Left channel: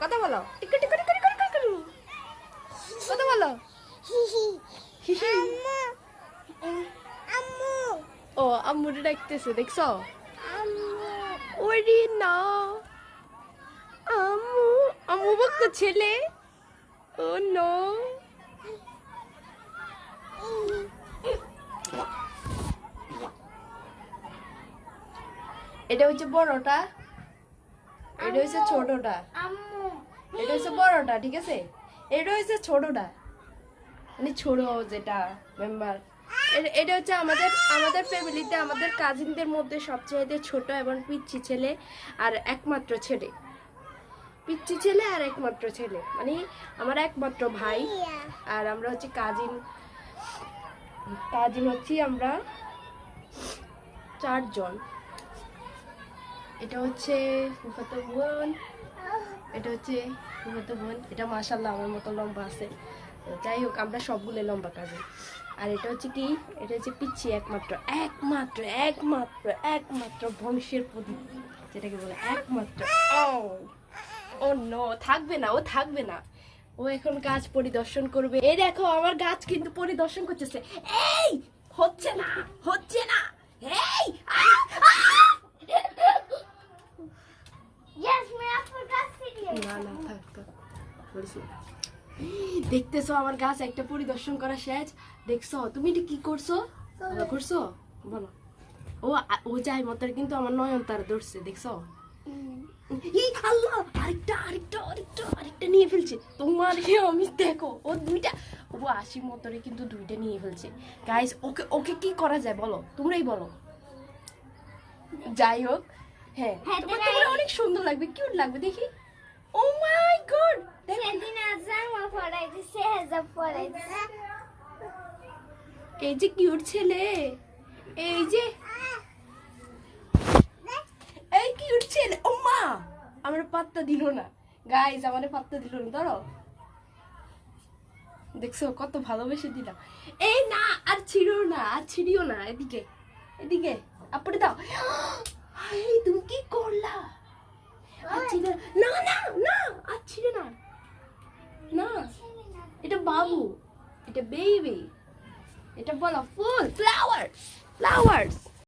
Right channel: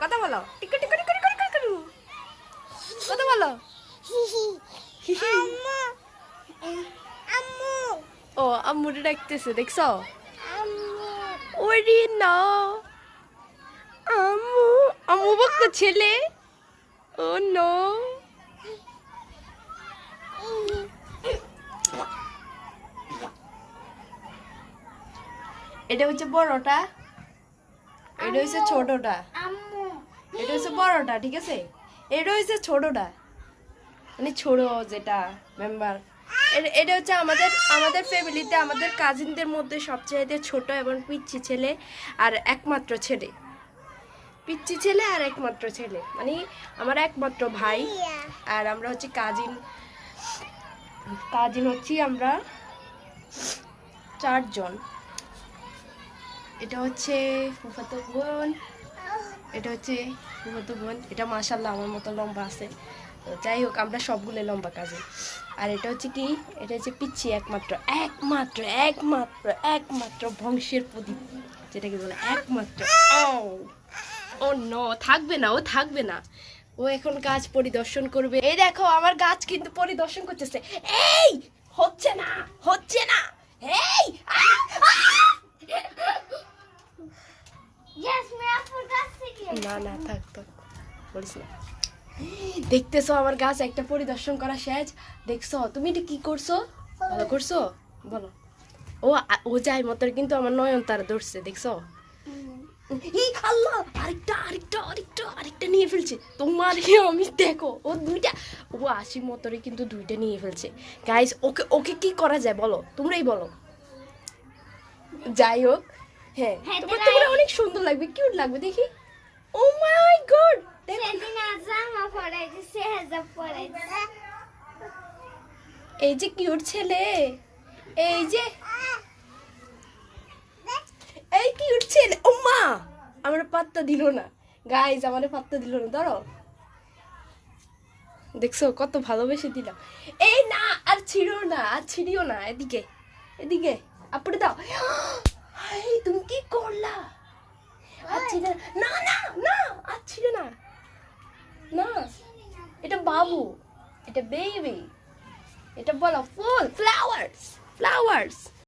কথা বলো টিকু টিকু টিকু টিকু টিকু কথা বলো ও আম্মুরে ডাকতেছে দেখছো ওরে না আম্মু আম্মু বকতে ছেলে ও নো এটা হচ্ছে বড়টা এটা হচ্ছে ছোটটা এটা হচ্ছে বড়টা ঠিক আছে এটা হচ্ছে ছোটটা মানে ছোট যেটা মেম্বার এটা হচ্ছে আমাদের ফ্যামিলিতে আমাদের কাজিনদের মধ্যে সবচেয়ে ছোট এবং পিচ্চি ছেলে আর একমাত্র ছেলে পিচ্চি ছেলে আর একমাত্র ছেলে মানে আমার একমাত্র ভাই আর আমরা হচ্ছে কাজিন হচ্ছি আমরা 4 জন এটা হচ্ছে ফুফাতো বোন এটা হচ্ছে ফুফাতো বোন এটা মাশাআল্লাহ আমার মতো লম্বা আছে যাই হোক আমরা সবগুলো লম্বা কাজিন আর এটা হচ্ছে কি এটা হচ্ছে পিচ্চি একমাত্র বংশের প্রদীপ যেটাকে বলে একমাত্র ও নো থাকবে না ও এখন গাছ পরিদর্শন করবে এই দেখো আমার গাছ কিন্তু পরিদর্শন করতেছে এই হচ্ছে না এই না থাক বলিস না দেখতেছো আমার গাছ একটা পরিদর্শন করা শেষ দেখছো তুমি এটা কি করছো ভালো করছো বলো ও যাই মতো কিন্তু আমার নয়নতারা ধরছে দেখছো আরেকটা নিয়ে ফেলছে তোমার আমি দেখো ও দুইটা ও আশির মতরে কিন্তু দুইটা নিয়ে ফেলছে গাইস ওকে কি করা যায় বলো তোমরাই বলো যাই হোক হ্যাঁ তোমার অনেক সুন্দর লাগবে কিউট লাগবে দেখি ও মাই গড এই যে কিউট ছেলে এই কিউট ছেলে ও মা আমার পাত্তা দিল না গাইস আমারে পাত্তা দিল না ধরো দেখছো কত ভালোবেসে দিলাম এই না আর ছিড়িও না এদিকে আপড়ে দাও হাই তুমি কি করলা আচ্ছা না আর ছিড়ে না এটা বাবু এটা বেবি এটা বলো ফুল ফ্লাওয়ার্স